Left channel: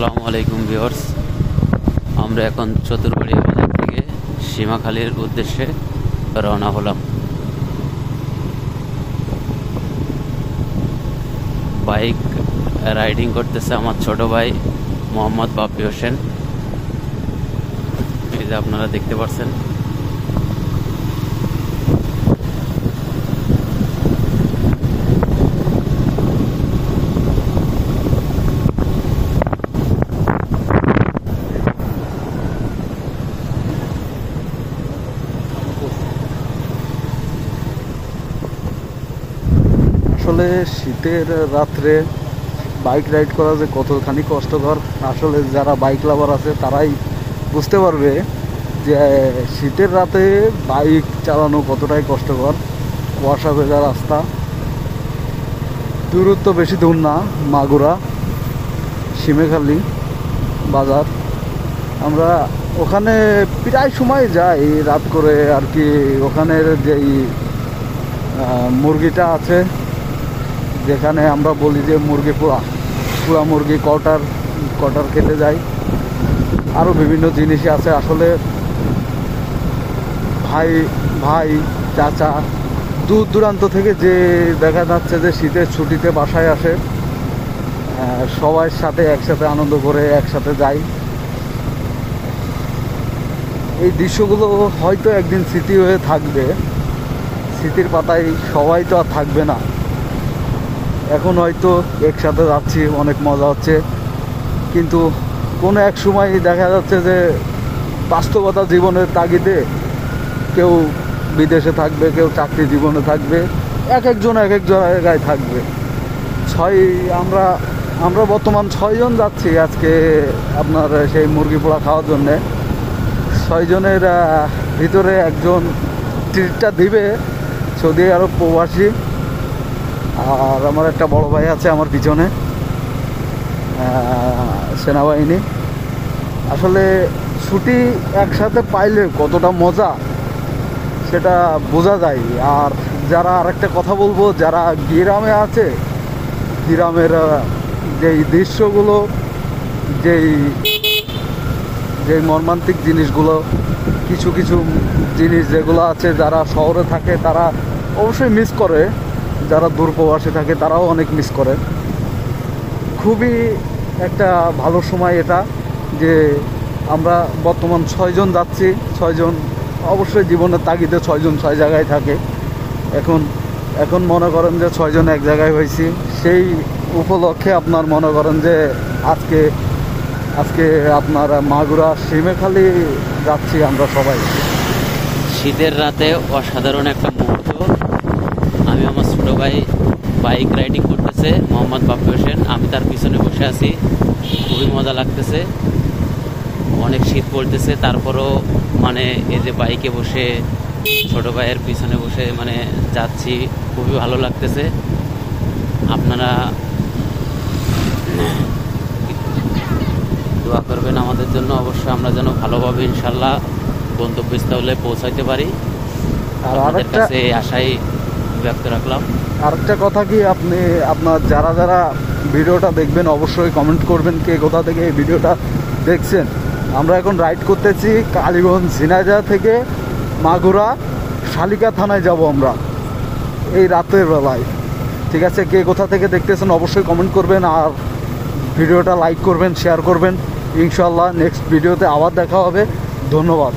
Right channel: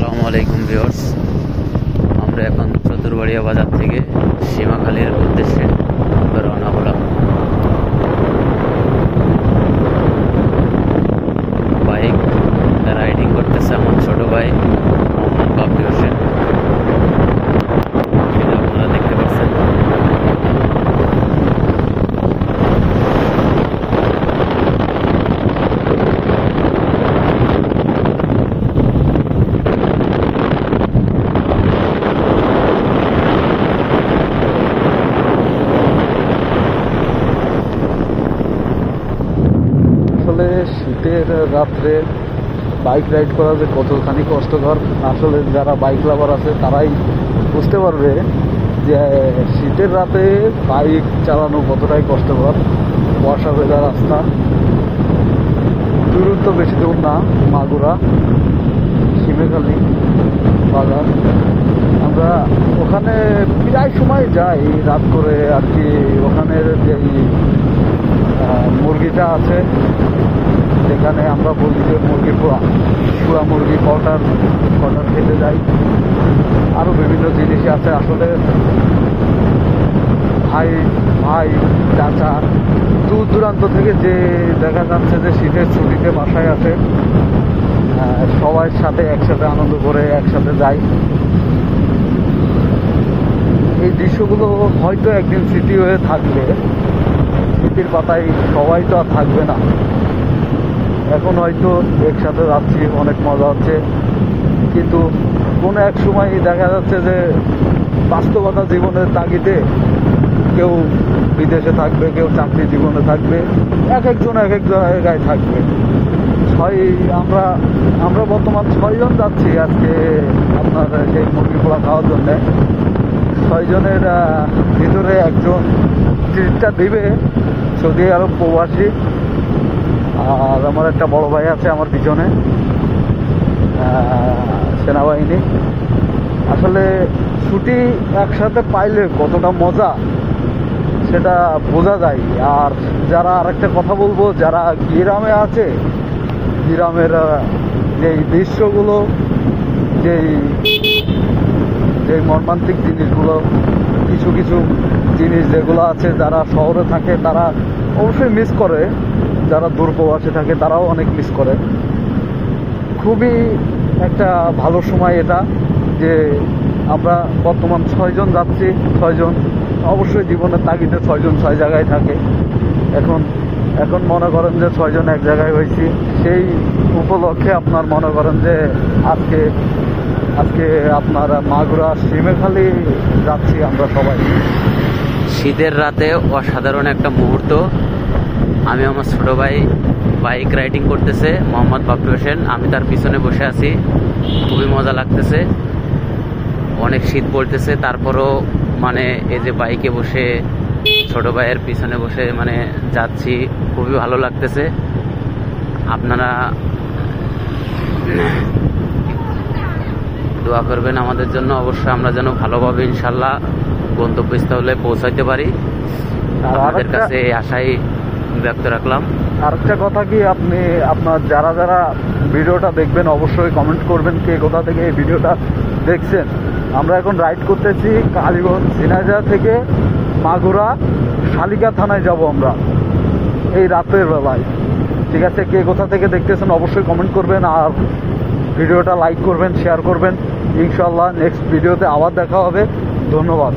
আসসালামু আলাইকুম ভিউয়ার্স, আমরা এখন চতুরবাড়িয়া বাজার থেকে সীমাখালীর উদ্দেশ্যে রওনা হলাম। বাইক রাইডিং করতেছে আমার ছোট ভাই মোহাম্মদ বাপ্পি হোসেন, সেটা আপনারা দেখতে পাচ্ছেন। আসলে শীতের রাত্রে বাইক রাইড করা যে কতখানি কষ্টকর, আসলে যারা বাইক লাভার আছে তারাই বুঝতে পারবে যে শীতের রাতে বাইক চালানো কতটাই কষ্টকর। বর্ষা ভেজা রাস্তা, দূরত্ব বেশি দূর না, মাগুরা সীমাখালী বাজার। আমরা ওখানে প্রায় সময় যাই রাত করে আর কি। ওখানের যেই মুরগিটা আছে, যেখানে আমরা বলি যে মুরগি পুরা মুরগি কটার খেতে যাই, আরও বিভিন্ন জিনিস আছে। আসলে ভাই চাচা দূর দূরান্ত থেকে যে দেখা যাচ্ছে যে শীতের ছুটিতে বাসায় আসে, সবাই সাথে একসাথে আনন্দ করে একসাথে যাই। এই দৃশ্যগুলো হয়তো একদিন স্মৃতি হয়ে থাকবে, স্মৃতির পাতায় সবাই তো আর থাকবে না। এখন হয়তো একসাথে যাচ্ছি, অনেক মজা হচ্ছে, কিন্তু কোনো এক সময় দেখা যাচ্ছে যে বাস্তবতা জীবনের তাগিদে কেউ বিদেশে থাকবে, কেউ চাকরি জীবনে থাকবে, এক একজন জায়গায় থাকবে। আমরা বর্তমান 6 জন যাচ্ছি আজকে আপনার সেই মুরগি পোড়া খাওয়ার জন্যে। 6 জনের ভিতরে একজন ট্রিটটা দিবে সৌদি আরব প্রবাসী, আর আমার একটা বড় ভাই আছে আমার পিছনে, সেনাবাহিনী। আসলে ছুটি একসাথে পাইলে কতটা মজা সেটা বোঝা যায়। আর যারা আরেকটা কথা বলবো, যারা গ্রামে আছে, গ্রামের যেই দৃশ্যগুলো, যেই মর্মান্তিক জিনিসগুলো, কিছু জিনিস যেগুলো আছে, যারা শহরে থাকে তারা অবশ্যই মিস করে, যারা দূরপ্রবাসী থাকে তারাও অনেক মিস করে। খুবই একটা ভালো সময় এটা, যে আমরা বর্তমান 6 জন যাচ্ছি। 6 জন অবশ্যই জীবনের তাগিদে 6 জন 6 জায়গায় থাকে। এখন মনে করেন যে 6 জন এক জায়গায় হয়েছি, সেই উপলক্ষে আপনার মনে করেন যে আজকে আপনার মাগুরা সীমাখালী যাচ্ছি আমরা সবাই। শীতের রাতে অসাধারণ একটা মুহূর্ত। আমি আমার ছোট ভাই বাইক রাইডিং করতেছে মোহাম্মদ বাপ্পি হোসেন, আমি তার পিছনে বসে আছি। খুবই মজা লাগতেছে, অনেক শীত পড়তেছে, তারপরও মানে এই যে বাইকে বসে ছোট ভাইয়ের পিছনে বসে মানে যাচ্ছি, খুবই ভালো লাগতেছে। আপনারা দোয়া করবেন আমাদের জন্য, অবশ্যই আমরা যেন ভালোভাবে ইনশাল্লাহ গন্তব্যস্থলে পৌঁছাইতে পারি। আপনাদের কাছে এই আশাই ব্যক্ত রাখলাম। আরেকটা কথা কি, আপনার যারা ভিডিওটা দেখবেন অবশ্যই কমেন্ট করবেন কে কোথা থেকে এই ভিডিওটা দেখছেন। আমরা এখন রাইড করতেছি কালীগঞ্জ ঝিনাইদহ থেকে মাগুরা শালিকা থানায় যাব আমরা এই রাতের বেলায়। ঠিক আছে, কে কোথা থেকে দেখতেছেন অবশ্যই কমেন্ট করবেন, আর ভিডিওটা লাইক করবেন, শেয়ার করবেন। ইনশাআল্লাহ নেক্সট ভিডিওতে আবার দেখা হবে। ধন্যবাদ।